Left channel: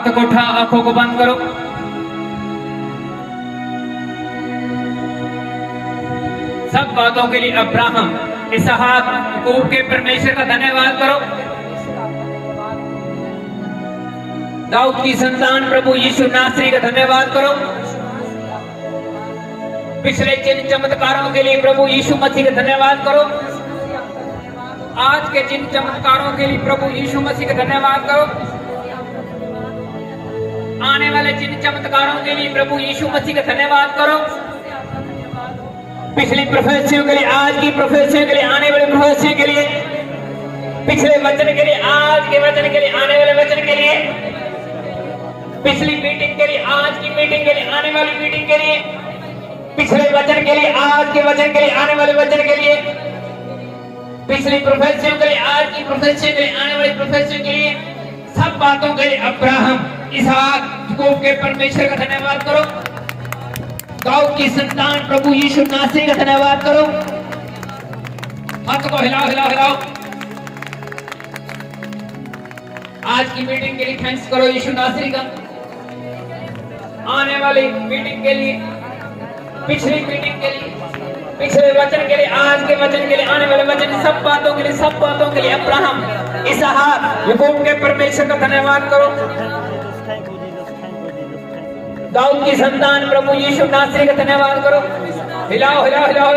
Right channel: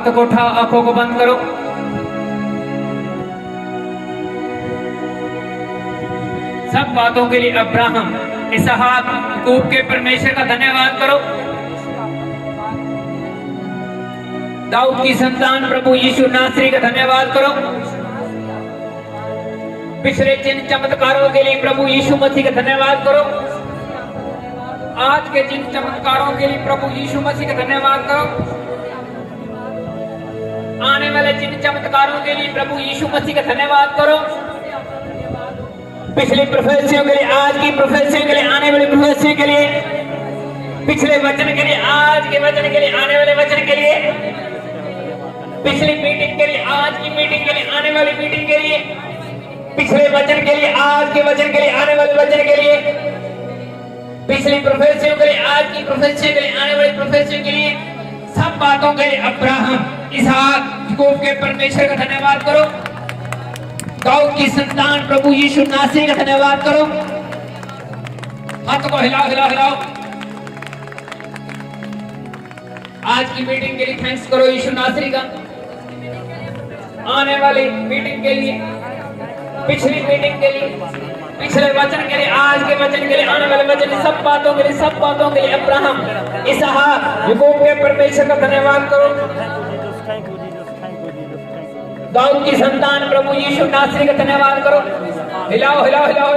हाथों को उठा, आंखों को बंद करो। सब बातों के लिए अब्राहम, इसहाक, याकूब के परमेश्वर का धन्यवाद करो। दाऊद की संतान प्रभु यीशु नासरी का धन्यवाद करो। पिछले जिन चमत्कारों के लिए प्रभु यीशु मसीह का धन्यवाद करो। आज के जिन चमत्कारों के लिए प्रभु यीशु मसीह का धन्यवाद करो। आने वाले जिन चमत्कारों के लिए प्रभु यीशु मसीह का धन्यवाद करो। पिछली प्रोफेसियों के लिए, आज की प्रोफेसियों के लिए, आने वाले प्रोफेसियों के लिए, पिछले वचन के लिए, आज के वचन के लिए, आने वाले वचन के लिए, पिछली मीटिंग के लिए, आज की मीटिंग के लिए, आने वाली मीटिंग के लिए, पिछले वचन के लिए, आज के वचन के लिए, आने वाले वचन के लिए, पिछली प्रोफेसियों के लिए, आज की प्रोफेसियों के लिए, आने वाली प्रोफेसियों के लिए, सब बातों के लिए अब्राहम, इसहाक, याकूब के परमेश्वर का धन्यवाद करो। दाऊद की संतान प्रभु यीशु नासरी का धन्यवाद करो। हाथ को हिलाओ हिलाओ हिलाओ। आज की मीटिंग के लिए थैंक्स करो यीशु नासरी का। आने वाली मीटिंग के लिए, पिछली मीटिंग के लिए, पिछले वचन के लिए, आज के वचन के लिए, आने वाले वचन, सब बातों के लिए, सब बातों के लिए अब्राहम, इसहाक, याकूब के परमेश्वर का धन्यवाद करो। दाऊद की संतान प्रभु यीशु नासरी का धन्यवाद करो। हिलाओ हिलाओ हिलाओ।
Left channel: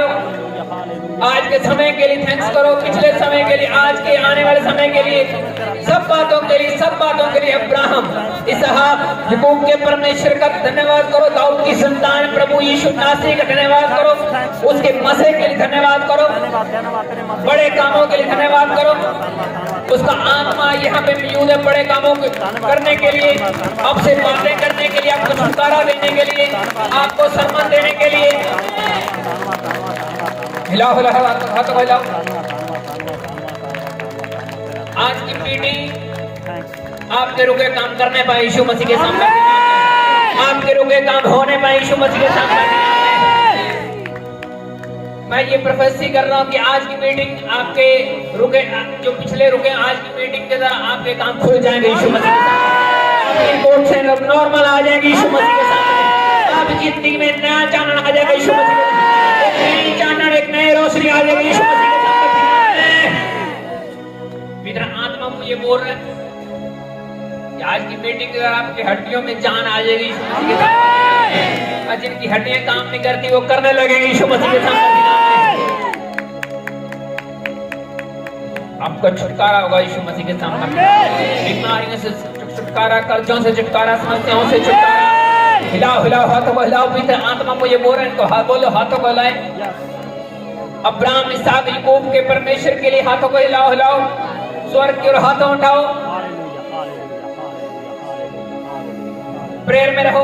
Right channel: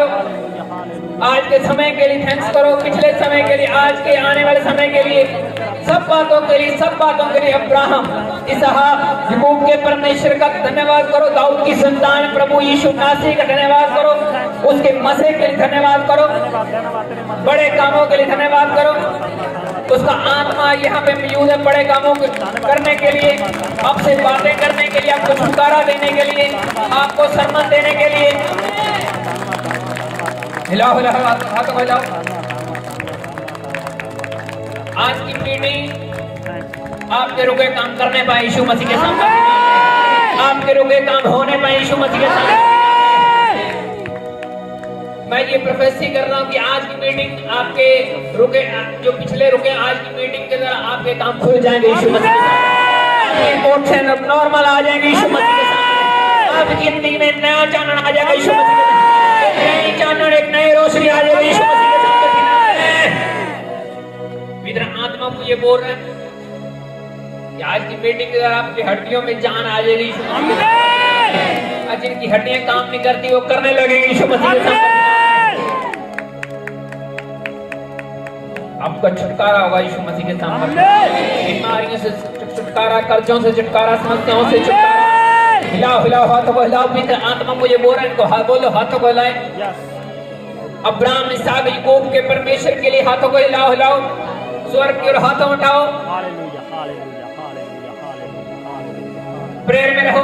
आज के समय के लिए थैंक्स करो, पिछले समय के लिए, आज के आने वाले समय के लिए, सब बातों के लिए, सब बातों के लिए अब्राहम, इसहाक, याकूब के परमेश्वर का धन्यवाद करो। दाऊद की संतान प्रभु यीशु नासरी का धन्यवाद करो। उसके मसीह के लिए धन्यवाद करो। बड़े कामों के लिए धन्यवाद करो। उसका आत्मा यहाँ पे मौजूद है बड़े कामों को करने के लिए, आपसे बातें करने के लिए, आपको छुटकारा देने के लिए, आपको सम्मान देने के लिए। हिलाओ हिलाओ, हाथों हिलाओ। आज की मीटिंग आपके रुके काम करने पाए यीशु मसीह के सामने, आपके रुके काम होने पाए यीशु मसीह के सामने। मैं ये प्रोफेसी कर रहा हूँ कि आज की मीटिंग आपके रुके, जो पिछले रुके, आज की मीटिंग के द्वारा आपके काम खुल जाएंगे यीशु मसीह के सामने। रिपोर्ट से नॉर्मल आ जाएगी यीशु मसीह के सामने। आपकी जिंदगी में नया चानन आ जाएगा यीशु मसीह के सामने। एक नई चानन, एक नई रोशनी आ जाएगी यीशु मसीह के सामने। मित्र आत्मा मुझे बोल रहे हैं कि आज की मीटिंग के द्वारा आपकी हड्डियों में जान आ जाएगी यीशु मसीह के सामने। और जिनकी हड्डियां काम नहीं करती वो करने लगेगी यीशु मसीह के सामने। आपका छुटकारा होगा यीशु मसीह के सामने। बीमारियों से छुटकारा, कर्जों से छुटकारा, समस्याओं से छुटकारा। हिलाओ हिलाओ, हाथों को हिलाओ। मित्र आत्मा मुझे बोल रहे हैं तो हाथ बोलो, हाथों को हिलाए। अब्राहम, इसहाक, याकूब के परमेश्वर के लिए हाथों को हिलाओ हिलाओ। स्वर्ग की ओर हाथों उठाओ। प्रेयर में रहो।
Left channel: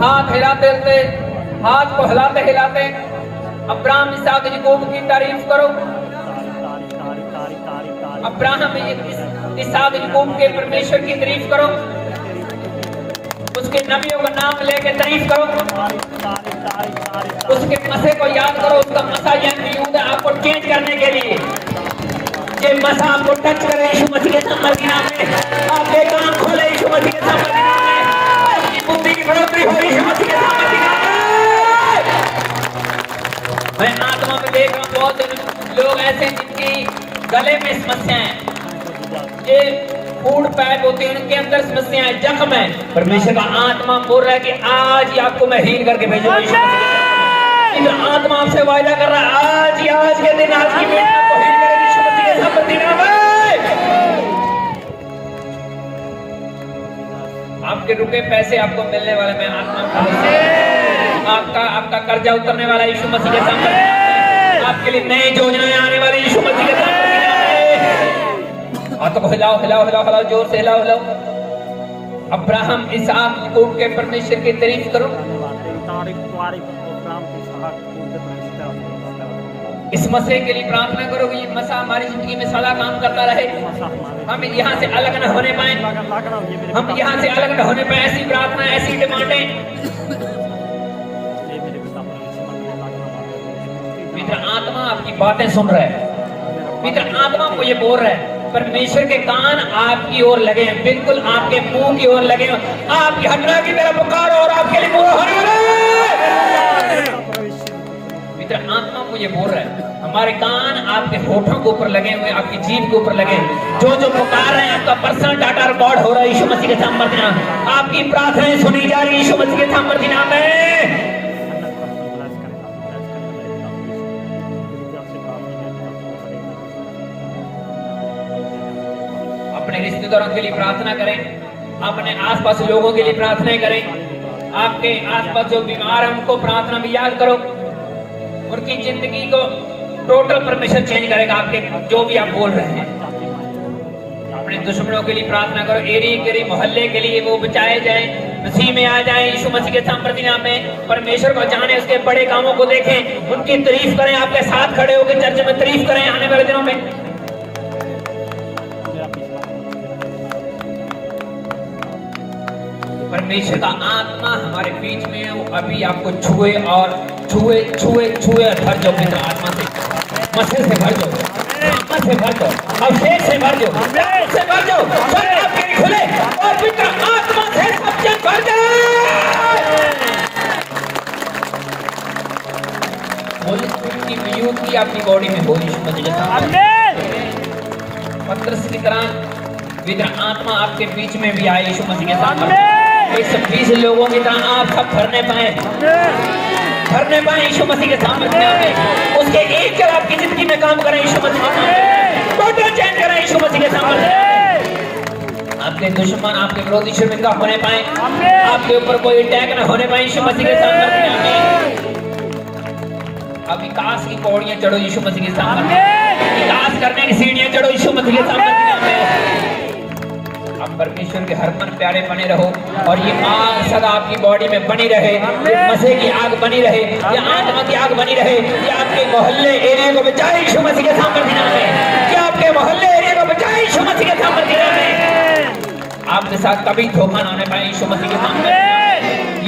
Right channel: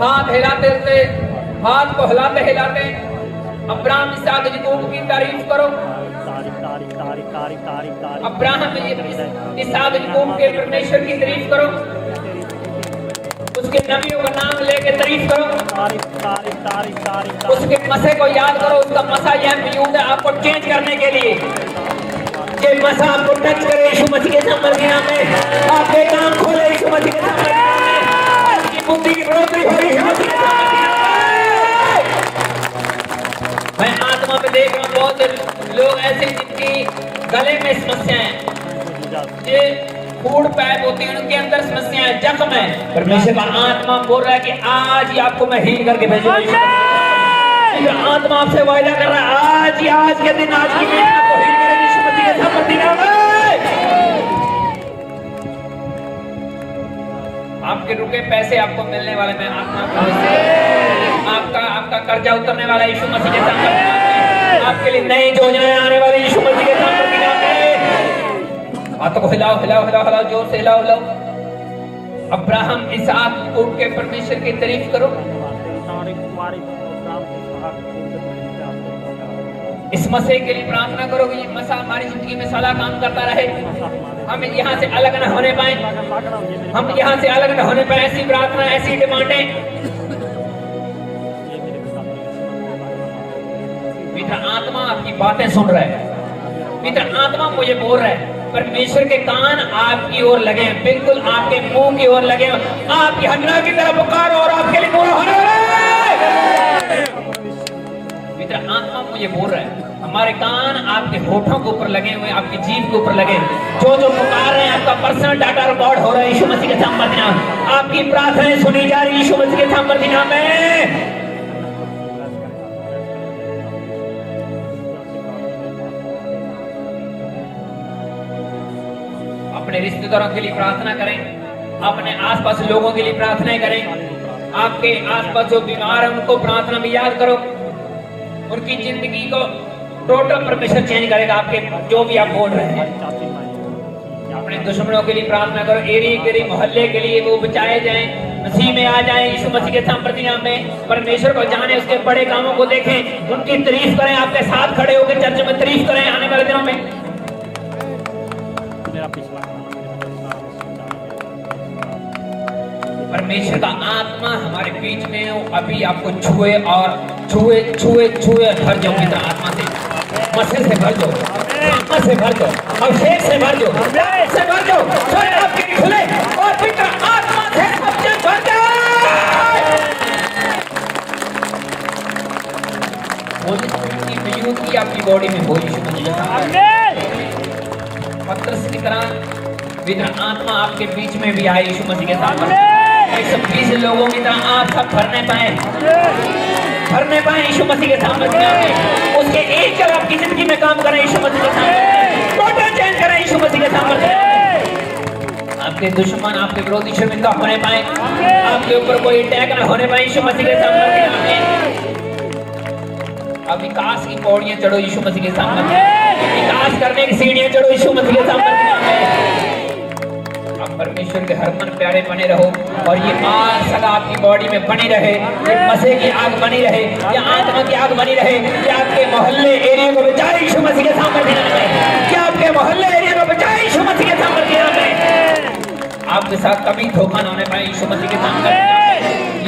हाथ हिलाते हिलाते, हाथ को हिलाते हिलाते अब्राहम, इसहाक, याकूब की तारीफ करो। अब्राहम, इसहाक, याकूब के परमेश्वर की तारीफ करो। उसके नबियों का नाम लेके तारीफ करो। उसके मसे को याद करो। उसका मसा यह मौजूद है आपको चेंज करने के लिए। ये मसा आपको टच करे यीशु मसीह के नाम में। आपके कान खुले यीशु मसीह के नाम में। आपकी बुद्धि की बढ़ोतरी हो यीशु मसीह के नाम में। मैं आत्मा में देख रहा हूँ बहुत से लोग ऐसे जिनकी गले में समस्या है, ये फूड पैक होती है, उनके अंदर समस्या है, जख्म है। परमेश्वर का आत्मा बोल रहा है कि आज ही आपको मैं हील करके भेजूंगा यीशु मसीह। आत्मा आपसे वायदा कर रहा है आज ही, आज के दिन, आज की मीटिंग आपको हील करेगी यीशु मसीह के नाम में। आपके रुके पैसे आपको मिलने वाले, मैं आपका कर्जा उतरने वाला यीशु मसीह के सामने। आपके लिए नई योजनाएं आने वाली यीशु मसीह के नाम में। हाथों को हिलाओ हिलाओ हिलाओ हिलाओ, जोर से हिलाओ हिलाओ। अब्राहम, इसहाक, याकूब के परमेश्वर की तारीफ करो। इस मसीह के लिए प्रार्थना करो कि मसा हमारी जिंदगी में सदा काम करता रहे। हम यहाँ से अलग न होने पाए, हम यहाँ से अलग न होने पाए। ऐसी प्रार्थना, ऐसी डिमांडें। मित्र आत्मा आपकी बातें सुन रहा है। मित्र आत्मा मुझे बोल रहा है परमेश्वर के कान आपकी ओर लगे, बिल्कुल आपके मुंह की ओर लगे, आपकी हड्डियों की तरफ पुकारो और आपके लिए पूरा होने वाला है। मित्र, आत्मा मुझे बोल रहा है, हमारे कान आपके होठों के ऊपर लगे हुए, आपकी जीभ के ऊपर लगे, जो जो पुकार रहे हैं आपका पर्सनल डाटा रिकॉर्ड हो रहा है यीशु मसीह के सामर्थ्य नाम। आपकी प्रार्थनाएं सुनी जा रही यीशु मसीह के सामर्थ्य नाम में। अपने रिश्तेदारों के लिए प्रार्थना करें, अपने आसपास लोगों के लिए प्रार्थना करें, आपके आसपास जो बीमार हैं उनको प्रार्थना में याद करो, उनकी जिंदगी को टोटल परमेश्वर चेंज करेगा। आपके जो भी आप बोल रहे हैं, अपने दुश्मनों के लिए प्रार्थना करो, एरिया के लिए, मोहल्ले के लिए वो बचाए जाएं, मसीह में आ जाएं यीशु मसीह के सामर्थ्य नाम में। परमेश्वर को जाने, उसके बड़े कामों को देखें, उनकी तारीफ करें, आपके साथ खड़े होकर चर्च में तारीफ करें आने वाले दिनों में। परमेश्वर का आत्मा हमारे बीच में है, वो अभी आपको छुए और छुए छुए छुए भर जाओ। मित्र, आत्मा से, मसीह से भर जाओ, आत्मा से भर जाओ, अभिषेक से भर जाओ, से भर जाओ, स्वर्ग आपके लिए खुले और मित्र आत्मा से सबसे भर जाओ। होली स्पिरिट की मौजूदगी आपकी बॉडी में हो यीशु मसीह। पतरस की तरह मित्र आत्मा आपके बीच में भी आए यीशु मसीह के साथ। 120 लोगों की तरह आप सब भरने पाए यीशु मसीह के सामर्थ्य नाम में। उसके एक जब आपकी जिंदगी में काम करें यीशु मसीह के सामर्थ्य, टोटल चेंज करें यीशु मसीह के सामर्थ्य। आपके दुश्मन, आपके विरोधी शर्मिंदा होने पाए, आपके ऊपर कोई अटैक न होने पाए यीशु मसीह के सामर्थ्य नाम में। अब विकास की पौड़ियां चढ़ो यीशु मसीह के सामर्थ्य, विकास करने की सीढ़ियां चढ़ो यीशु मसीह के सामर्थ्य नाम में। परमेश्वर के हर मन प्यारे बने रहो और ये आग सदा आपकी बॉडी में बनी रहे, ये मसीह की आग बनी रहे, ये आत्मा की आग बनी रहे, ये आपके मोहल्ले एरिया को बचाए यीशु मसीह के सामर्थ्य नाम में, ये आपके मोहल्ले एरिया को बचाए यीशु मसीह के सामर्थ्य नाम में। आपके साथ कभी धोखा ना होने पाए यीशु मसीह के सामने।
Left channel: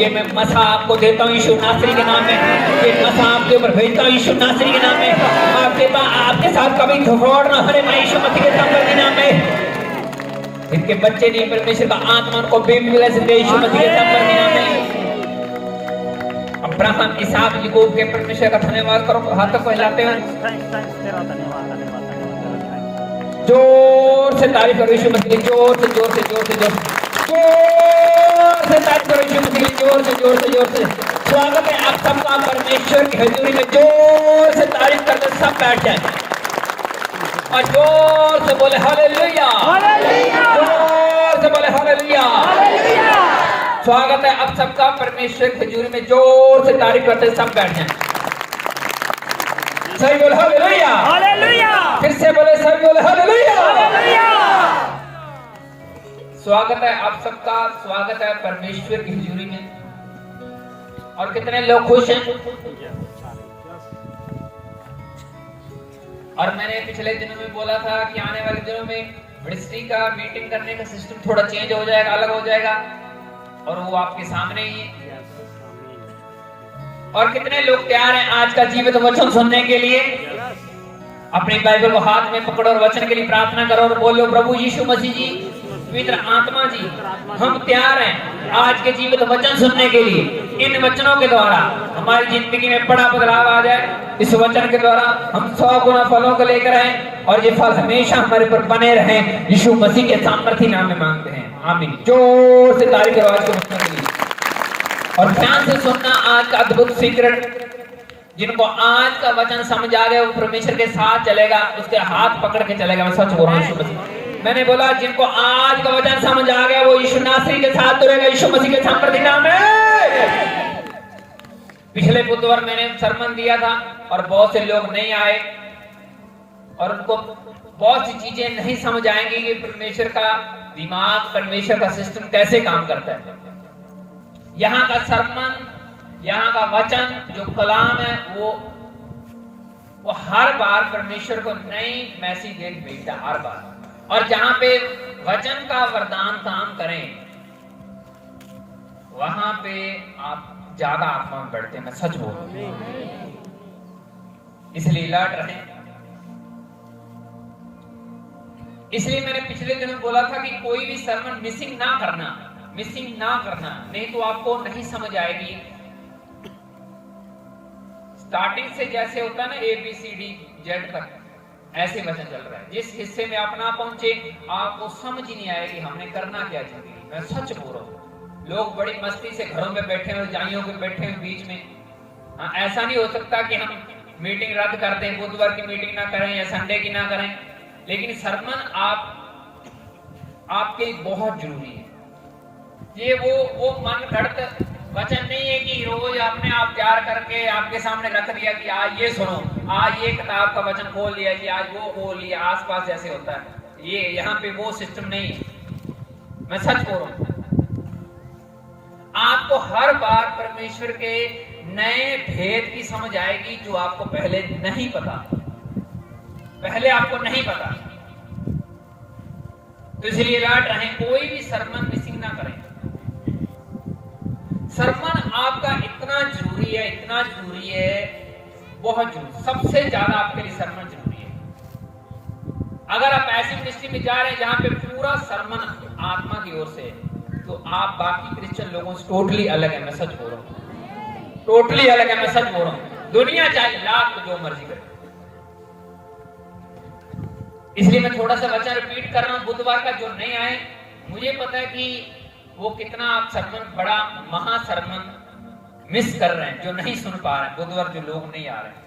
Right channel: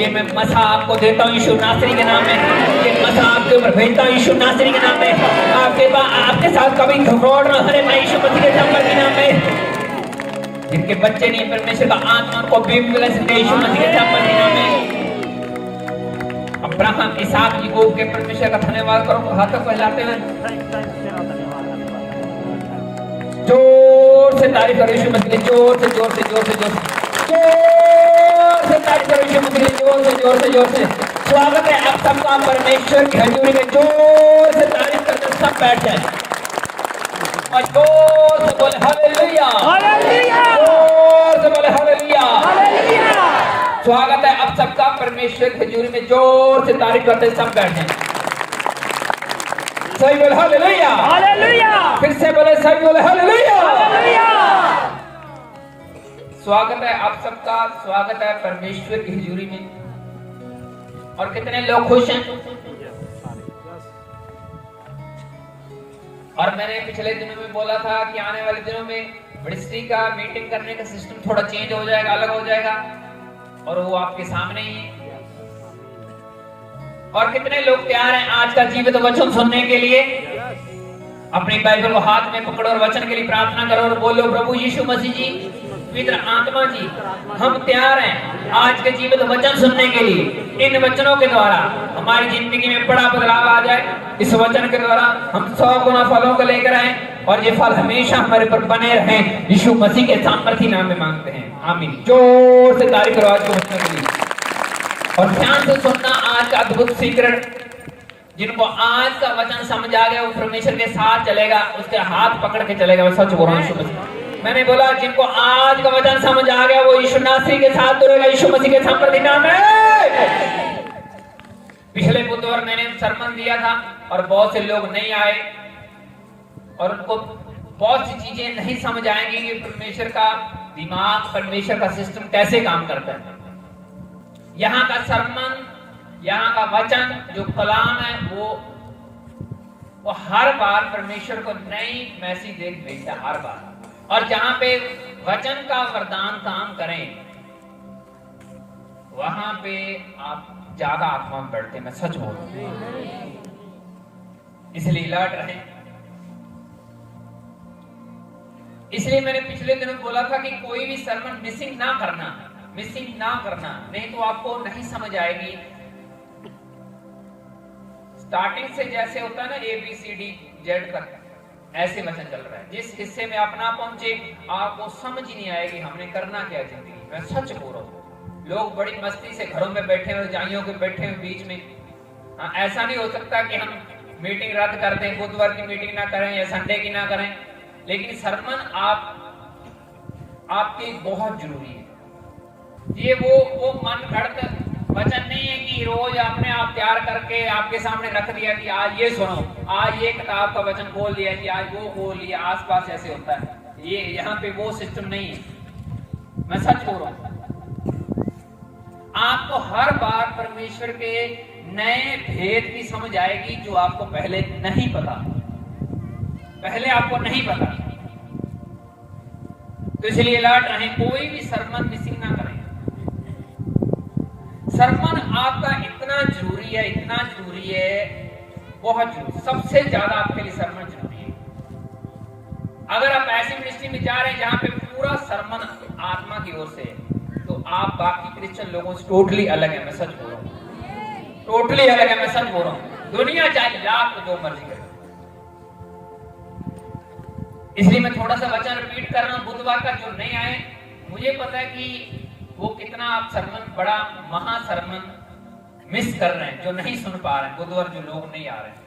ये मैं मसा आपको देता हूँ यीशु नासरी के नाम में, ये मसा आपके ऊपर भेजता हूँ यीशु नासरी के नाम में। आपके साथ कभी धोखा न होने पाए यीशु मसीह के सामर्थ्य नाम में। जिनके बच्चे नहीं, परमेश्वर का आत्मा को बेमिलस दे यीशु मसीह के सामर्थ्य नाम में। अब्राहम, इसहाक, याकूब के परमेश्वर का धन्यवाद करो हाथों को हिलाते हुए, जोर से तारीफ करो यीशु मसीह की, जोर से जोर से जोर से जोर से तारीफ करो यीशु मसीह की, जोर से जोर से जोर से। स्वागत है आप सबका परमेश्वर की हजूरी में, जोर से तारीफ करके सब बैठ जाए और जोर से बोले हालेलुया, जोर से बोले हालेलुया। स्वागत है अब सबका परमेश्वर की हजूरी में, जोर से तारीफ करते सब बैठ जाएं। सही बोले हालेलुया, फिर से बोले सही बोले हालेलुया। स्वागत है आप सबका, स्वागत है परमेश्वर की हजूरी में। और कितने लोग खुश हैं? और मैंने पिछले दिनों में बोला था कि आने वाले दिनों में मिनिस्ट्री का मीटिंग करने का सिस्टम थोड़ा चेंज हो जाएगा, अलग हो जाएगा, और वो आपके सामने ही है। और कितने लोग तैयार हैं आज का जीवित वचन सुनने के लिए? अपनी बाइबल को हाथ में पकड़ो और वचन के लिए प्रार्थना करो और बोलो, प्रभु यीशु मसीह जी, पवित्र आत्मा जी, हम तैयार हैं आज के जीवित वचन सुनने के लिए। इन वचनों के द्वारा हमारी जिंदगी में बड़ा बदलाव आ जाए। इस वचन के द्वारा हम 100 गुना फलों को लेकर आए और ये फल हमेशा हमारे पर बने रहें। यीशु मसीह के सामर्थ्य नाम में मांगते हैं, आमीन। जोर से तारीफ करो आज के वचन के लिए और ध्यान से सुनना आज का अद्भुत सीक्रेट। जिनको आज का वचन समझ आ गया वो परमेश्वर के साथ चलेगा, उसके हाथ पकड़ के चलेगा। मैं सच बोल रहा हूँ यीशु मसीह, मैंने बोला जिनको आज का वचन समझ आ गया वो यीशु नासरी के साथ दौड़ेगा यीशु मसीह के सामर्थ्य नाम में। पिछले बुधवार मैंने सरमन दिया था और बहुत से लोग नहीं आए और उनको बहुत सी चीजें नहीं समझ आएंगी कि परमेश्वर का दिमाग, परमेश्वर का सिस्टम कैसे काम करता है। यहाँ का सरमन, यहाँ का वचन जो कलाम है वो हर बार परमेश्वर को नई मैसेज दे भेजता हर बार। और जहां पे वचन का वरदान काम करें वहां पे आप ज्यादा आत्मा में बढ़ते, मैं सच बोल रहा हूं। इसलिए अलर्ट रहें। इसलिए मैंने पिछले दिनों बोला था कि कोई भी सरमन मिसिंग ना करना, नहीं तो आपको नहीं समझ आएगी। स्टार्टिंग से जैसे होता है ना ABCD Z तक, ऐसे वचन चल रहा है। जिस हिस्से में आप ना पहुंचे आपको समझ ही नहीं आएगी हमने करना क्या जिंदगी। मैं सच बोल रहा हूँ, लोग बड़ी मस्ती से घरों में बैठे हुए, रजाइयों के बैठे हुए बीच में। ऐसा नहीं हो सकता कि हम मीटिंग रद्द कर दें, बुधवार की मीटिंग ना करें या संडे की ना करें, लेकिन सरमन आपके बहुत जरूरी है। ये वो मन घड़त वचन नहीं है कि रोज अपने आप तैयार करके आपके सामने रख दिया कि आज ये सुनो, आज ये किताब का वचन खोल दिया कि आज वो खोल लिया, आसपास ऐसे होता है। ये यहाँ पे वो सिस्टम नहीं है। मैं सच बोल रहा हूँ, आपको हर बार परमेश्वर के नए भेद की समझ आएगी जो आपको पहले नहीं पता, आपको नहीं पता। तो इसलिए अलर्ट रहें, कोई भी सरमन मिसिंग ना करें। सरमन आपका इतना जरूरी है, बहुत जरूरी, सबसे ज्यादा आपके लिए सरमन जरूरी है। अगर आप ऐसी मिनिस्ट्री में जा रहे हैं जहां पे पूरा सरमन आत्मा की ओर से है, तो आप बाकी क्रिश्चियन लोगों से टोटली अलग है। मैं सच बोल रहा हूं, टोटली अलग है। मैं सच बोल रहा हूं, दुनिया चाहे लाख जो मर्जी करे। इसलिए मैं थोड़ा सा वचन रिपीट कर रहा हूं। बुधवार का जो नहीं आए, मुझे पता है कि वो कितना आप सरमन, बड़ा महा सरमन मिस कर रहे हैं, जो नहीं सुन पा रहे हैं। बुधवार जो लोग नहीं आ रहे हैं,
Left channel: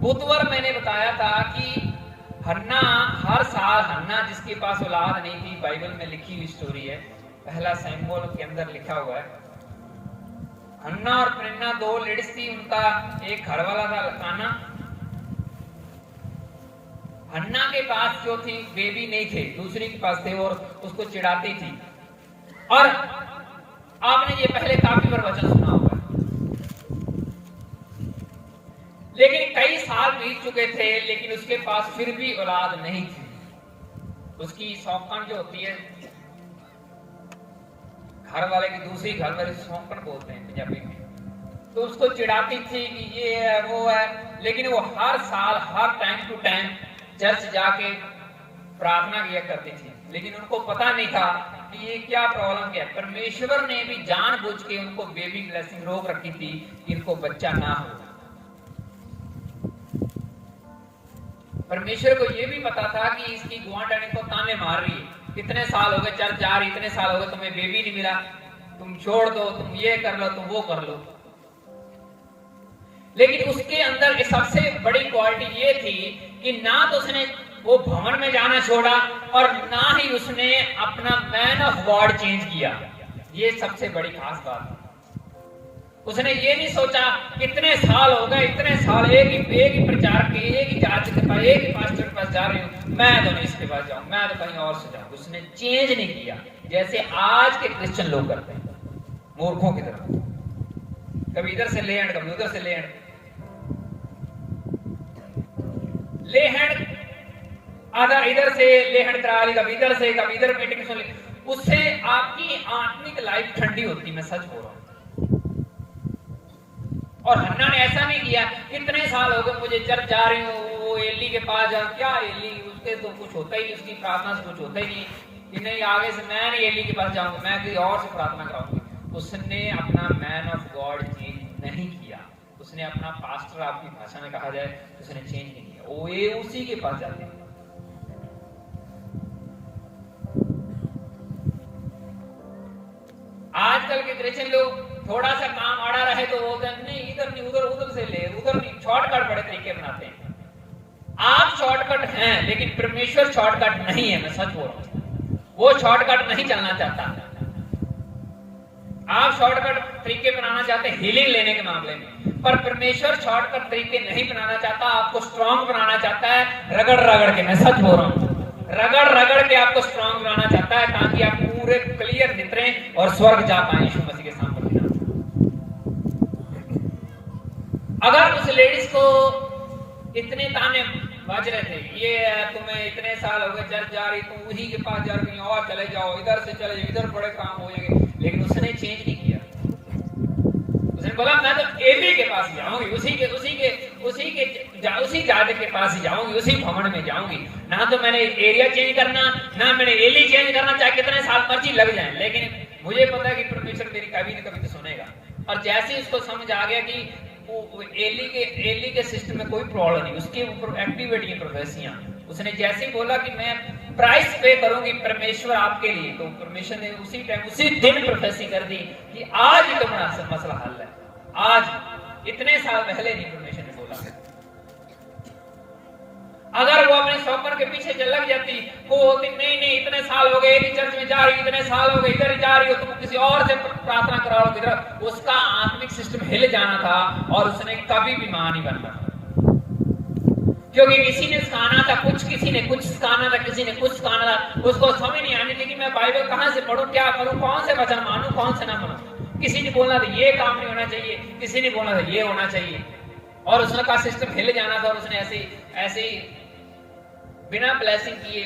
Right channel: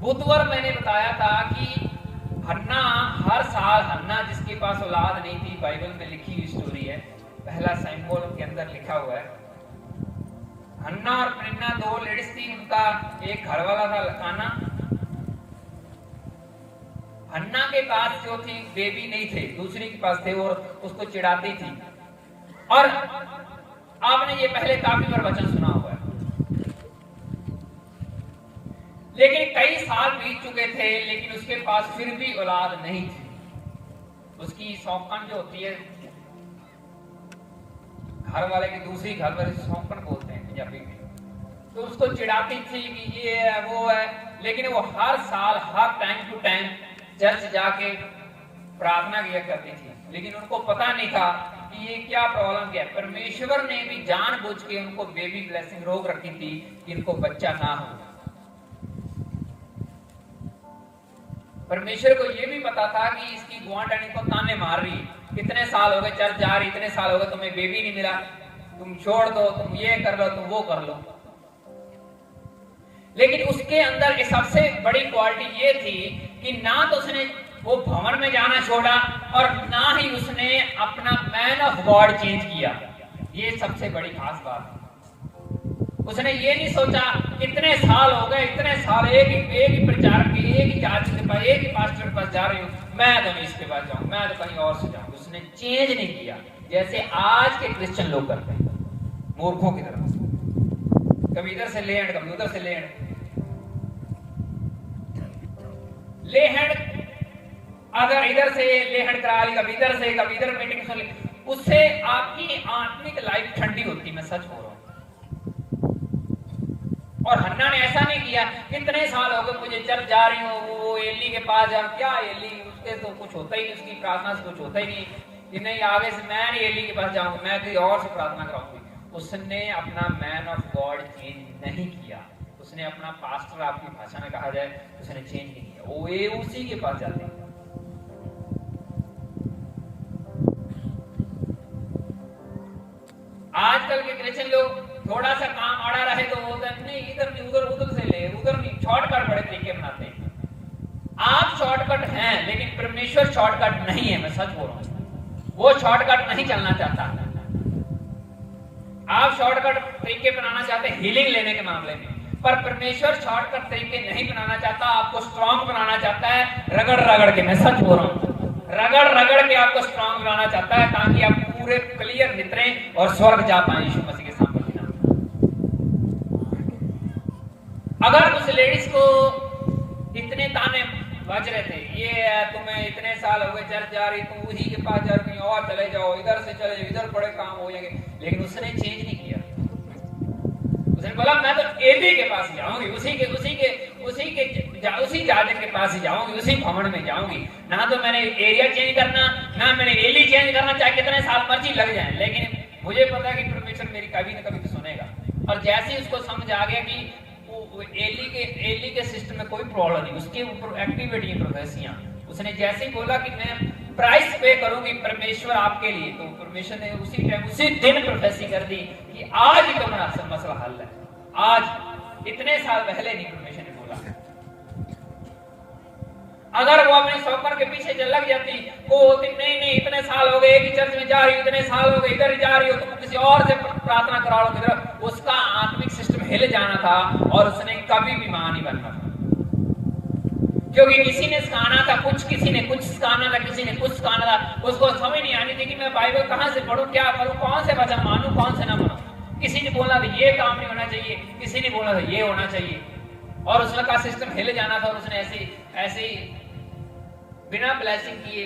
बुधवार मैंने बताया था कि हन्ना, हर साल हन्ना जिसके पास औलाद नहीं थी, बाइबल में लिखी हुई स्टोरी है, पहला सैमुएल के अंदर लिखा हुआ है। हन्ना और पेनिन्ना दो लेडीज थी, उनका एक घर वाला था लकाना। हन्ना के पास जो थी बेबी नहीं थे, दूसरी के पास थे और उसको चिढ़ाती थी। और आपने ये पहले काफी बार वचन सुना हुआ है, लेकिन कई साल बीत चुके थे, लेकिन उसके पास फिर भी औलाद नहीं थी। उसकी सौंकन जो होती है, घर वाले की दूसरी घर वाले सौंकन बोलते हैं पंजाबी में, तो उसको चिढ़ाती थी कि ये है वो है। लेकिन वो हर साल, हर टाइम टू टाइम चर्च जाके प्रार्थना किया करती थी, लेकिन उनको पता नहीं था कि ये क्या प्रॉब्लम क्या है। परमेश्वर ने भी जानबूझ के उनको बेबी ब्लेसिंग रोक रखी थी कि इनको बच्चा ना हो। परमेश्वर को ये भी पता था कि इसकी गुआंढनी को ताने मार रही है, कितने साल हो गए चर्च जा रही, इतने साल हो गए तुम्हें बेबी नहीं मिला, तुम छोड़ दो, तुम ये कर लो, तुम वो कर लो। लेकिन उसके अंदर की सबसे बड़ी क्वालिटी ये थी कि ना तो उसने वो भवन में जाना छोड़ा और ना ही उसने अपना मैन ऑफ गॉड चेंज किया। ये सबसे बड़ी खास बात है। उसने ये नहीं सोचा कितने साल हो गए, इतने साल एक ही प्रचारक के, एक ही जांच के पास, एक ही पास्टर के पास जा रही हूँ, मैं तो नहीं इसके पास जाऊँ, मैं तो कहीं और से जाऊँ। उसने चेंज नहीं किया, जैसे आज के क्रिश्चियन लोग करते हैं, मूर्खों की तरह। कभी इधर से ले हैंड, कभी उधर से ले हैंड। ले हैंड अगर इधर से ले हैंड करा ली, कभी इधर से, कभी इधर मीटिंग सुन ली, उससे आपकी आत्मिक लाइफ ठंडी होती, मैं सच बोल रहा हूँ। और हन्ना ने ऐसा नहीं किया, कितने साल हो गए मुझे चर्च जा रही हूँ, वो एली के पास जा, क्या एली, उसके तो कुछ होता ही नहीं, उसकी प्रार्थना से कुछ होता ही नहीं कि नहीं, आगे से मैं नहीं एली के पास जाऊंगा, मैं कहीं और से प्रार्थना कराऊंगी। उसने अपना मैन ऑफ गॉड चेंज नहीं किया, उसने अपना पास्टर, आपकी भाषा में कहा जाए, उसने चेंज नहीं किया, वो ये उसी के पास जाते हैं। आजकल के क्रिश्चियन लोग थोड़ा सा काम आड़ा रहे तो बोलते हैं नहीं, इधर नहीं, उधर, उधर से ले, उधर नहीं, शॉर्टकट बड़े तरीके बनाते हैं। आप शॉर्टकट हैं, लेकिन परमेश्वर शॉर्टकट नहीं है, मैं सच बोल रहा हूं। वो शॉर्टकट नहीं चलना चाहता। आप शॉर्टकट तरीके बनाना चाहते हैं हीलिंग लेने के मामले में, पर परमेश्वर शॉर्टकट तरीके नहीं बनाना चाहता, आपको स्ट्रॉन्ग बनाना चाहता है रगड़ रगड़ के। मैं सच बोल रहा हूं, रगड़ रगड़ के आपको स्ट्रॉन्ग बनाना चाहता है, ताकि आप पूरे क्लियर नितरें और स्वर्ग जा पाए यीशु मसीह के सामने। अगर उस लेडीज को इतने ताने बज रहे थे, ये तुम्हें इतने साल हो गए चर्च जा रही, तुम उसी के पास जा रही, और चले जाओ, इधर से चले जाओ, इधर बड़े काम हो जाएंगे, लेकिन उसने चेंज नहीं किया। उसने बोला मैं तो एली के पास जाऊंगी, उसी के उसी जादे के पास ही जाऊंगी, उसी भवन में जाऊंगी। ना तो मैंने एरिया चेंज करना, ना मैंने एली चेंज करना, चाहे कितने साल मर्जी लग जाए, लेकिन मुझे पता है कि परमेश्वर मेरी कभी न कभी तो सुनेगा। और जैसे ही उसको समझ आ गया कि एली के सिस्टम में कोई प्रॉब्लम नहीं, उसकी एक्टिविटी प्रोफेसियां, उसने जैसे ही बोला कि मैं प्राइस पे करूंगी परमेश्वर आपके लिए, तो परमेश्वर ने उसी टाइम उसी दिन प्रोफेसी कर दी कि आज ही तुम्हारा मसला हल है। आज इतने साल पहले नहीं परमेश्वर ने बोला। अगर वो अपने शौकर के पीछे लग जाती, वो होती नहीं इतने साल हो गए, एक ही चर्च में जा रही, इतने साल हो गए इधर जा रही हो, तुम किसी और से प्रार्थना कराओगे, उसका आत्मिक सिस्टम हिल जाना था और उसने कभी भी मां नहीं बनना। क्योंकि किसी ने सिखाना था कुछ, किसी ने कुछ सिखाना था, किसी ने कुछ सिखाना था, उसको समझ नहीं आनी थी कि मैं बाइबल कहां से पढ़ूं, क्या करूं, कौन से वचन मानूं, कौन से ना मानूं। किसी ने बोला था ये काम नहीं होना चाहिए, किसी ने बोला था ये होना चाहिए, और उसका सिस्टम हिल जाना था। और उसने ऐसे बिना ब्लेसिंग किए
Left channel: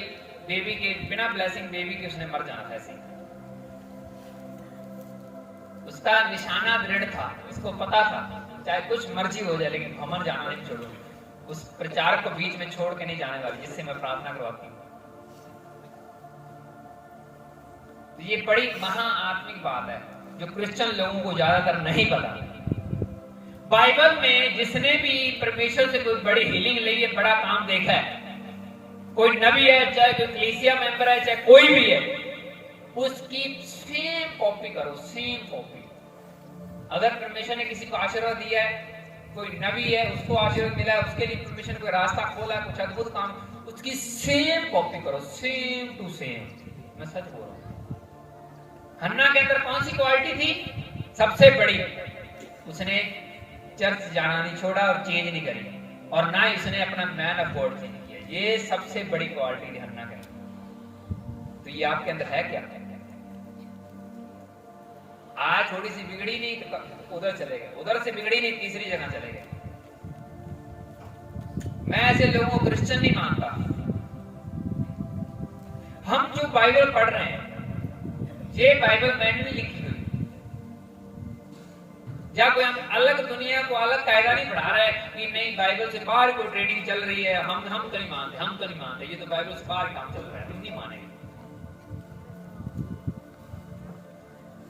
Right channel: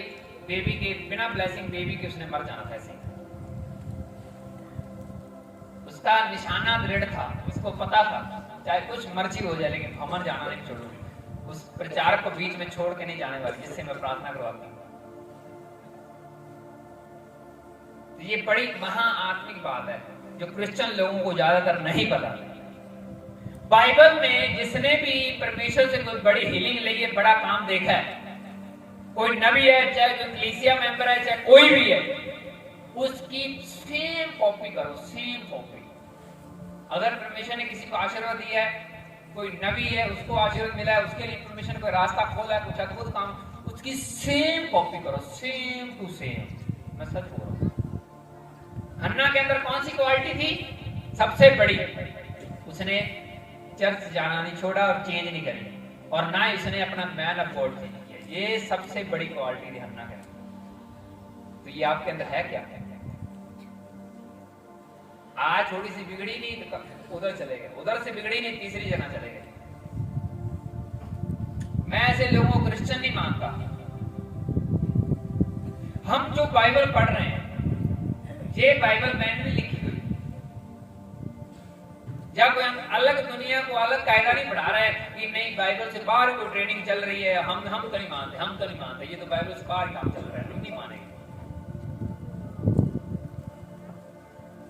बिना ब्लेसिंग बेबी के उसने मर जाना था। ऐसे उसका निशाना दृढ़ था, उसको पता था चाहे कुछ मर्जी हो जाए लेकिन भवन जाना नहीं छोड़ूंगी, उस प्रचार को बीच में छोड़ के नहीं जाने वाली जिससे मैं प्रार्थना करवाती हूँ। तो ये बड़ी महा आत्मिक बात है जो क्रिश्चियन लोगों को ज्यादातर नहीं पता। बाइबल में जिसने भी परमेश्वर से कोई बड़ी हीलिंग ली है, बड़ा काम देखा है, कोई नबी है, चाहे कोई कलीसिया मेंबर है, चाहे कोई भी है, उसकी सेम कॉपी करो, सेम कॉपी। अगर परमेश्वर ने किसी को आशीर्वाद दिया है, कोई नबी है उसको आशीर्वाद मिला है, उसके लिए परमेश्वर कोई रास्ता खोला है, कुछ अद्भुत काम, उसकी सेम कॉपी करो, सेम टू सेम। मैं सच बोल रहा हूं। हन्ना के अंदर कौन सी क्वालिटी थी सबसे बड़ी? उसने चर्च जाना नहीं छोड़ा और चेंज नहीं करी, और ना ही उसने अपना मैन ऑफ गॉड चेंज किया। ये सबसे बड़ी क्वालिटी थी हन्ना के अंदर। तो ये आपके अंदर है क्या? आज थोड़ी सी बिगड़ी नहीं तो उधर चले गए, उधर से बिगड़ी नहीं तीसरी जगह चले गए। मैं ऐसे लोगों को क्रिश्चियन नहीं मानता। हम जो बाइबल पढ़ रहे हैं, ये बाइबल मैंने लिखी हुई, या कोई हम अलग दुनिया को अलग कायदा नहीं पढ़ा रहा है कि नहीं बाइबल से बाहर कोई ट्रेनिंग चल रही है, हम तो नहीं मानते, हम तो नहीं मानते, ये तो बाइबल से बाहर काम चल रहा है, हम नहीं मानेंगे।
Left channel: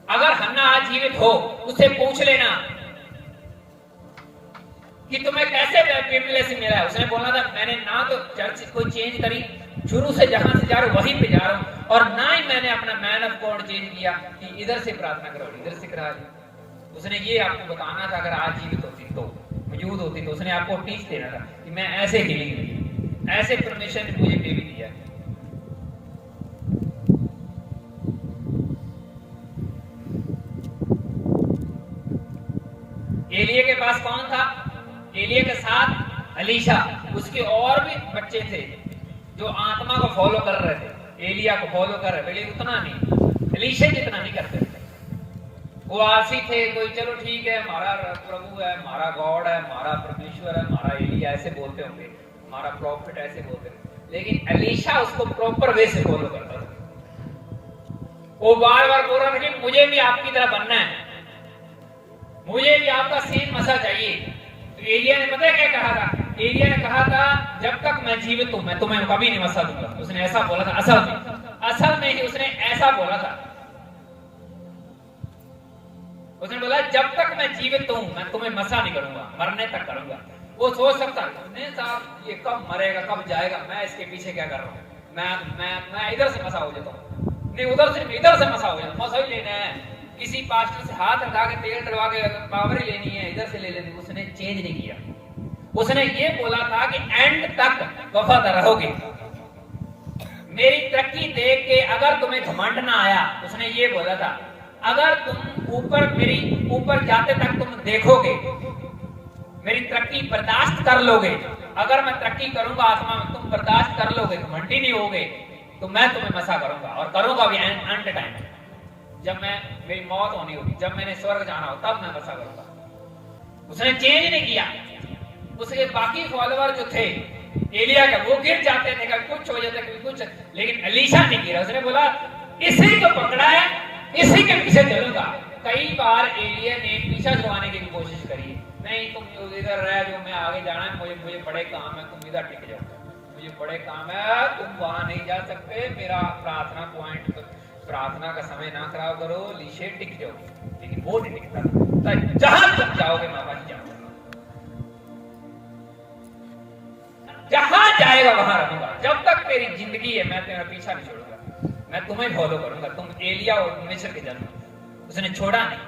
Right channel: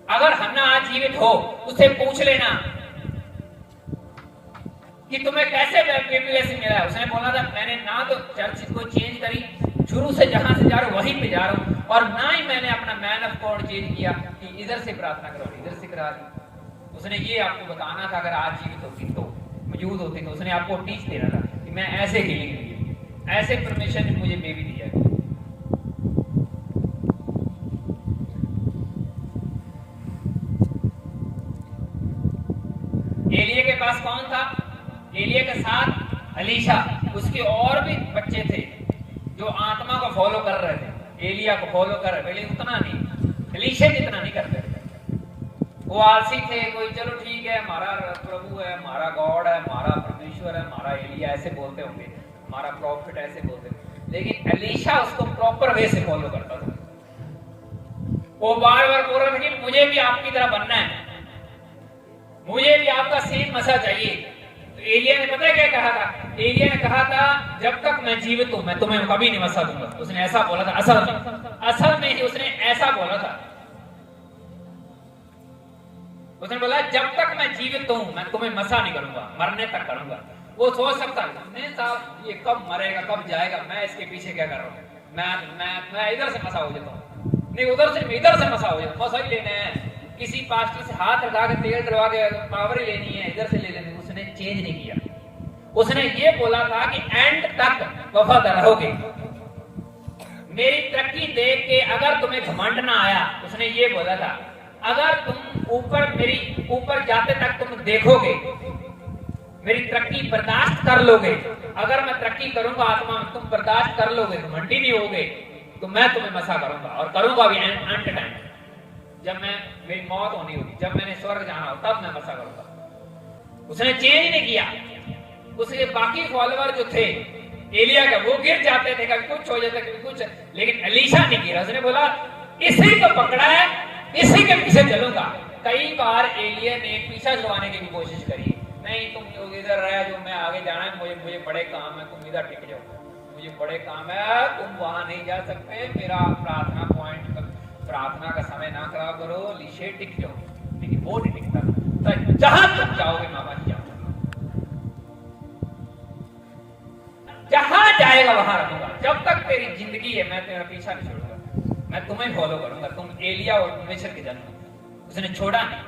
अगर हन्ना आज जीवित हो, उससे पूछ लेना कि तुम्हें कैसे ब्लेसिंग मिला है। उसने बोला था मैंने ना तो चर्च को चेंज करी, शुरू से जहां से जा रहा हूं वहीं पे जा रहा हूं, और ना ही मैंने अपना मैन ऑफ गॉड चेंज किया कि इधर से प्रार्थना करो, इधर से करा। उसने ये आपको बताना था, अगर आज जीवित होती तो, मौजूद होती तो उसने आपको टीच देना था कि मैं ऐसे हीलिंग दी, ऐसे परमेश्वर ने मुझे बेबी दिया। एलिया के पास कौन था? एलिया के साथ एलीशा, उसके और भी बच्चे थे जो आत्मा को फॉलो कर रहे थे, एलिया को फॉलो कर रहे थे, लेकिन उतना नहीं, एलीशा जितना नहीं करते थे। वो आलसी थे, कोई चलो ठीक है हमारा प्रभु है, हमारा गॉड है, हमारा परमेश्वर है, हमारा एलिया, ऐसे बोलते होंगे, हमारा प्रॉफिट ऐसे बोलते हैं, लेकिन एलीशा उसको प्रॉपर वे से फॉलो करता था। वो बार बार बोल रहा था कि मुझे भी आपकी तरह बनना है, मुझे भी आपका सेम मसा चाहिए। तो एलिया ने पता है क्या कहा था? एलिया ने कहा था जब तक मैं जीवित हूं मैं तुम्हें कभी नहीं मसा दूंगा। उसने ऐसा बोला था, असल में ही उसने ऐसा बोला था। उसने बोला जब तक मैं जीवित हूं मैं तुम्हें मसा नहीं करूंगा, मरने तक करूंगा। वो सोच सकता है साहब ये कब मरेगा, कब जाएगा, मैं इसके पीछे क्या कर रहा हूं, मैं इधर से मसा हो जाता हूं, नहीं उधर से इधर से मसा हो जाता, मसा ही लेना है, किसी पास्टर से हाथ लगा के तेल डलवा के पावर ही लेनी है, इधर से ले लेनी। उसने चेंज नहीं किया। उसने ये बोला था कि एंड तक वफादार रहोगे, मेरी तरक्की देख के अगर तुम्हें घमंड ना आया, उसने ये बोला था अगर तुम ऊपर जाते तक तुम देखोगे, मेरी तरक्की बर्दाश्त कर लोगे, अगर मैं तरक्की करूंगा आत्मा में तुम बर्दाश्त कर लोगे, घमंडी नहीं होगे, तो मैं तुम्हें मसा करूंगा, और करूंगा भी एंड टाइम, जब मेरी मौत होनी होगी, जब मैंने स्वर्ग जाना हो तब मैं मसा करूंगा। उसने चेंज नहीं किया। उसके बाकी फॉलोअर जो थे एलिया के, वो गिर जाते थे, कभी कुछ हो जाता कभी कुछ, लेकिन एलीशा नहीं गिरा। उसने बोला इसी को पकड़ा है, इसी के पीछे चलूंगा। कई बार एलिया ने पीछा छुड़वाने की भी कोशिश करी, नहीं तुम इधर रह जो, मैं आगे जाना है, मुझे बड़े काम है, तुम इधर टिक जाओ, मुझे बड़े काम है, तुम वहां नहीं जा सकते, मेरा प्रार्थना पॉइंट, प्रार्थना का समय ना खराब करो, लीशे टिक जाओ। लेकिन वो नहीं टिकता, तो जहां तुम जाओगे बाबा जी जाओगे, जहां जाएगा वहां रहूंगा, जब तक तेरी जिंदगी है मैं तेरा पीछा नहीं छोड़ूंगा, मैं तुम्हें फॉलो करूंगा। तुम एलिया और मिस्र के जन हो, उसने छोड़ा नहीं।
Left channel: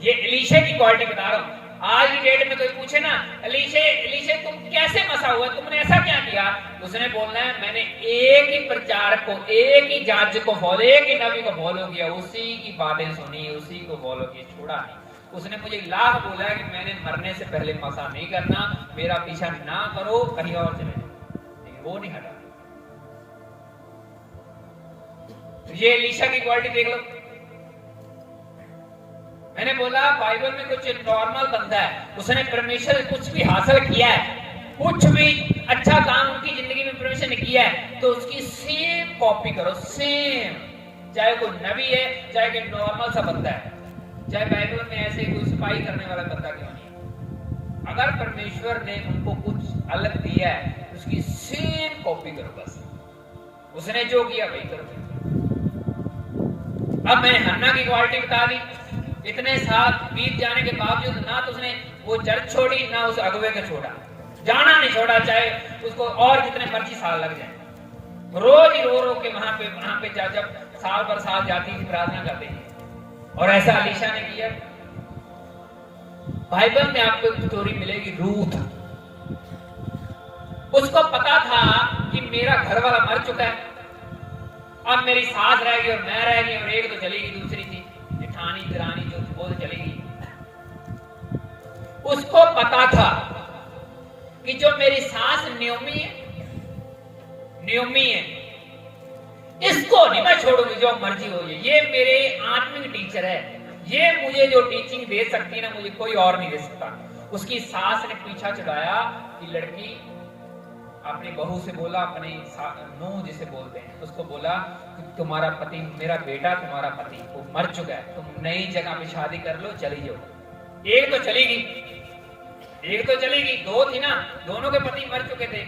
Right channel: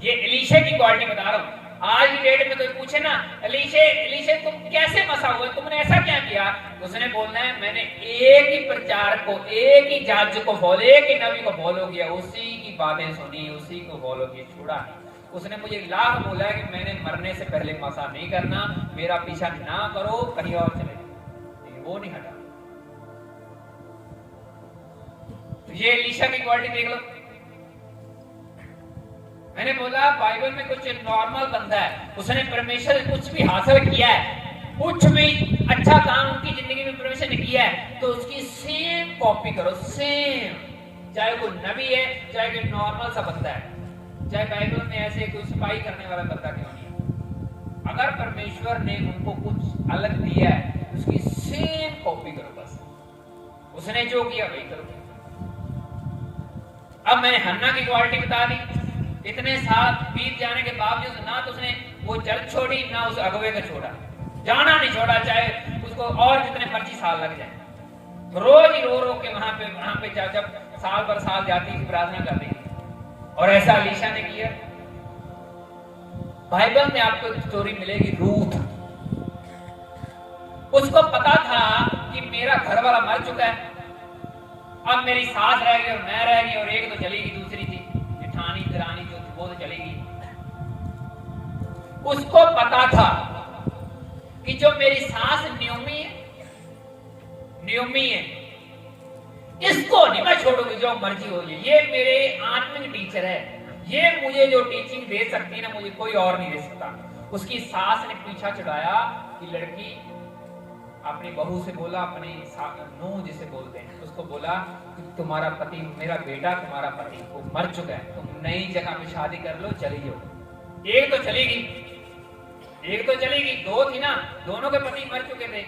ये एलीशे की क्वालिटी बता रहा हूं। आज की डेट में कोई पूछे ना, एलीशे तुम कैसे मसा हुए, तुमने ऐसा क्या किया, उसने बोलना है मैंने एक ही प्रचारक को, एक ही जज को फॉलो, एक ही नबी को फॉलो किया, उसी की बातें सुनी, उसी को फॉलो किया, छोड़ा नहीं। उसने मुझे लाख बोला कि मैंने मरने से पहले मसा नहीं करना, मेरा पीछा ना करो, कहीं और चले, लेकिन वो नहीं हटा। ये एलीशा की क्वालिटी देख लो। मैंने बोला बाइबल में कुछ नॉर्मल बंदा है, उसने परमेश्वर कुछ भी हासिल किया है, कुछ भी अच्छा काम उनकी जिंदगी में परमेश्वर ने किया है, तो उसकी सेम कॉपी करो, सेम। चाहे कोई नबी है, चाहे कोई नॉर्मल सा बंदा है, चाहे बाइबल में ऐसे कोई सिपाही करने वाला बंदा क्यों नहीं है, अगर परमेश्वर ने उनको कुछ अलग दिया है, उसकी सेम कॉपी करो बस। उसने जो किया वही करो। अब मैंने हन्ना की क्वालिटी बता दी। इतने साल बीत जाने के बावजूद ना तो उसने वो चर्च छोड़ी, ना उस अगुवे को छोड़ा, जाना नहीं छोड़ा, चाहे उसको और जितने मर्जी साल लग जाए। रोज ही रो के वहां पे चाचा साल पर साल जाती थी, प्रार्थना करती थी। और ऐसा एलीशा ने किया। बाइबल में आपको एक स्टोरी मिलेगी, रूथ। उसको पता था कि मेरा घर वाला मर चुका है, अब मेरी सास रह गई और मैं रह गई, और एक तो चली गई, दूसरी थी जेठानी दरानी जो वो तो चली गई। उसको पता था कि जो मेरी सास न्योमी है, इसको नहीं मैं छोड़ूंगी, जो मर्जी हो जाए। ये मेरे आत्मिक टीचर है, ये मुझे जो टीचिंग दे सकती है ना, मुझे कोई और नहीं दे सकता। उसकी सास ने पीछा चढ़ाया कि लड़की अपनी बहू से बोला, अपनी नूह जिसे बोलते हैं, उसको बोला कि तुम्हारा पति, मेरा बेटा तुम्हारा पति वो मर चुका है, तुम नई जगह पे शादी कर लो, चली जाओ। एक तो चली गई, दो थी ना, दोनों के पति मर चुके थे।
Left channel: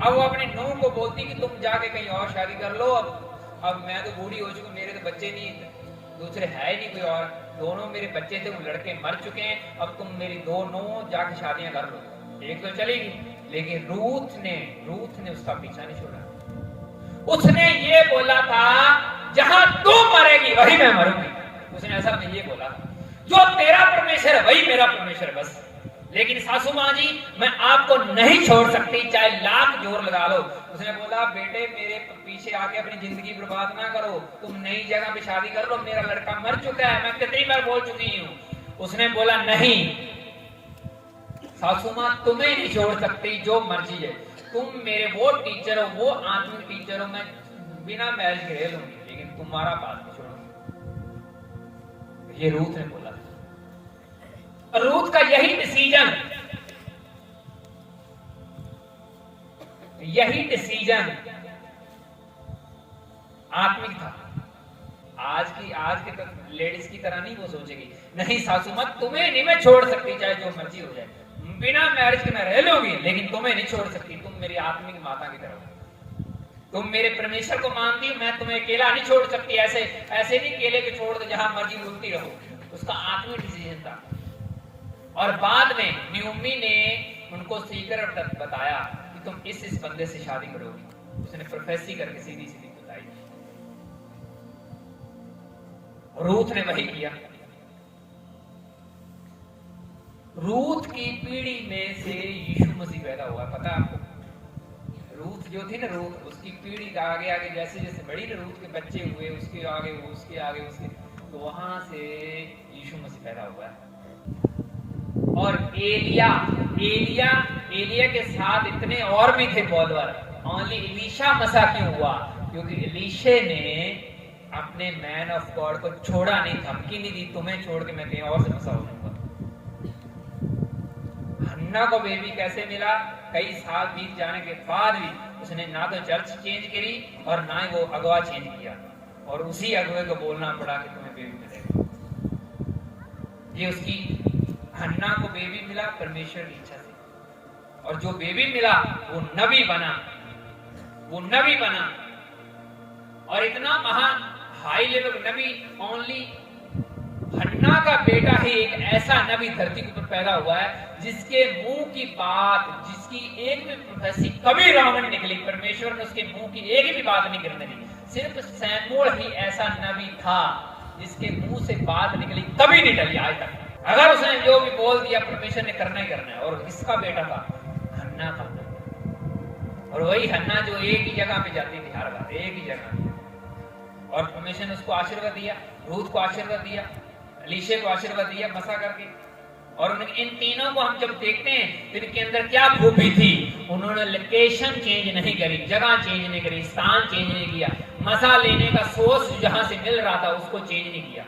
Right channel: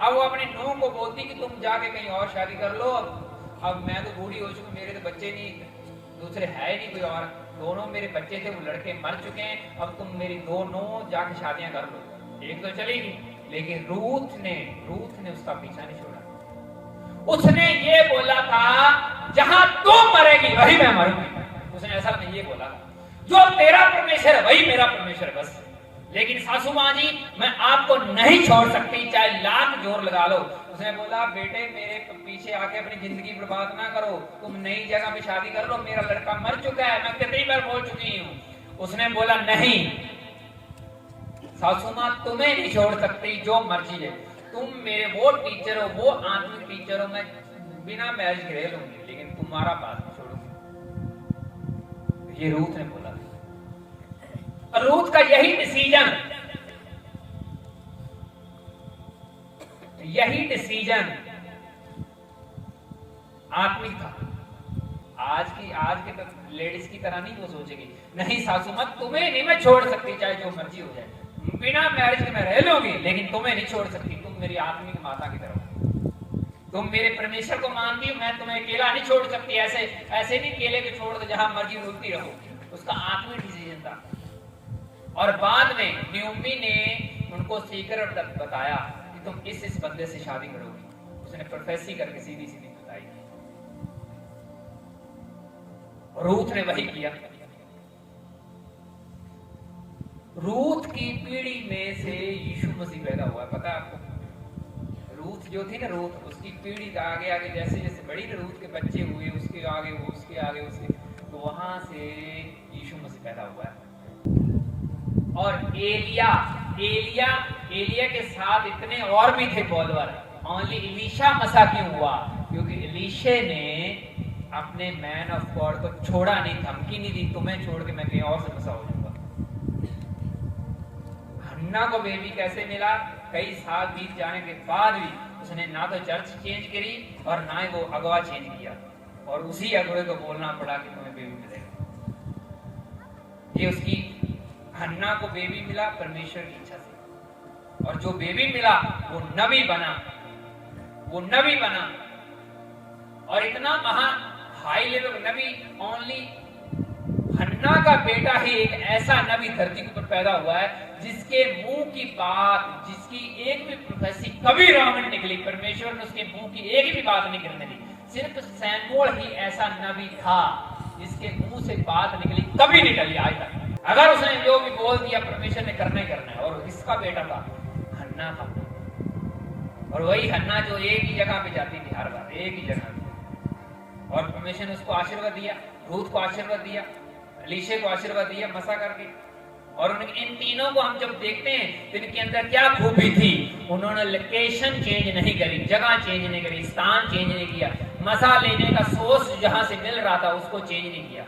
अब वो अपनी नूह को बोलती कि तुम जाके कहीं और शादी कर लो, अब मैं तो बूढ़ी हो चुकी, मेरे तो बच्चे नहीं, दूसरे है नहीं कोई और, दोनों मेरे बच्चे थे, वो लड़के मर चुके हैं, अब तुम मेरी दो नूह जाके शादियां कर लो। एक तो चली गई, लेकिन रूथ ने उसका पीछा नहीं छोड़ा। उसने ये बोला था जहां तू मरेगी वही मैं मरूंगी। उसने ऐसा नहीं ये बोला, जो तेरा परमेश्वर है वही मेरा परमेश्वर है बस। लेकिन सासू माँ जी मैं आपको नहीं छोड़ सकती, चाहे लाख जोर लगा लो। उसने बोला बेटे मेरे पीछे आके अपनी जिंदगी बर्बाद ना करो, तुम नई जगह पे शादी कर लो, मेरा लड़का मर चुका है, मैं कितनी बार बोल चुकी हूँ। उसने बोला नहीं सासू माँ तुम्हें नहीं छोड़ सकती, जो मर्जी है, तुम मेरे वो टीचर हो, वो आत्मिक टीचर हो, मैं बिना मैरिज के रह लूंगी, लेकिन तुम्हारा बात नहीं छोड़ूंगी। ये रूथ ने बोला। रूथ का यही डिसीजन आत्मिक था। आज के तो लेडीज की तरह नहीं वो सोचेगी, नहीं सासू माँ तुम्हें नहीं मैं छोड़ सकती, चाहे जो मर्जी हो जाए, बिना मैरिज के मैं रह लूंगी, लेकिन तुम्हें नहीं छोड़ सकती, तुम मेरी आत्मिक माता की तरह हो, तुम मेरे परमेश्वर को मानती हो, मैं तुम्हें अकेला नहीं छोड़ सकती। ऐसे नहीं केले के छोड़ दे जहां मर्जी उड़ती रहो। उसका आत्मिक डिसीजन था। और बाद में न्यूमी ने उनको सीक्रेट बताया कि तुम इस बंदे से शादी करोगी। उसने प्रोफेसी करके सीधी बताई। रूथ ने वही किया। रूथ की पीढ़ी में से यीशु मसीह पैदा हुआ है, पता आपको? रूथ जो थी ना, रूथ उसकी पीढ़ी का आगे आगे जैसे जैसे बड़ी ना, रूथ के बच्चे हुए, उसके आगे तो वहां से यीशु मसीह पैदा हुआ है। और एलिया के साथ इतने और भी थे फॉलोअर। ओनली एलीशा मसा क्यों हुआ? क्योंकि एलीशे ने अपने मैन ऑफ गॉड को छोड़ा नहीं, धमकी नहीं दी तुम्हें छोड़ के मैं कहीं और से मसा हो जाऊंगा। हन्ना को बेबी कैसे मिला? कई साल बीत जाने के बाद भी उसने ना तो चर्च चेंज करी और ना ही वो अगवा चेंज किया, और उसी अगवे को बोलना पड़ा कि तुम्हें बेबी मिलेगा। ये उसकी हन्ना को बेबी मिला परमेश्वर की इच्छा से, और जो बेबी मिला वो नबी बना, वो नबी बना। और इतना महान हाई लेवल नबी, ओनली हन्ना का बेटा ही एक ऐसा नबी धरती के ऊपर पैदा हुआ है जिसके मुंह की बात, जिसकी एक भी प्रोफेसी कभी रॉन्ग नहीं निकली। परमेश्वर ने उसके मुंह की एक भी बात नहीं गिरने दी। सिर्फ सैमुअल ही ऐसा नबी था जिसके मुंह से बात निकली कभी नहीं टली आज तक। अगर उसने जो भी बोल दिया परमेश्वर ने करना ही करना है। और इसका बेटा था हन्ना था, और वही हन्ना जो एक ही जगह पे जाती थी, हर बार एक ही जगह। और परमेश्वर ने उसको आशीर्वाद दिया, रूत को आशीर्वाद दिया, एलीशा को आशीर्वाद दिया मसा करके। और इन तीनों को हम जब देखते हैं तो इनके अंदर क्या खूबी थी, उन्होंने लोकेशन चेंज नहीं करी, जगह चेंज नहीं करी, स्थान चेंज नहीं किया, मसा लेने का सोर्स जहां से मिल रहा था उसको चेंज नहीं किया।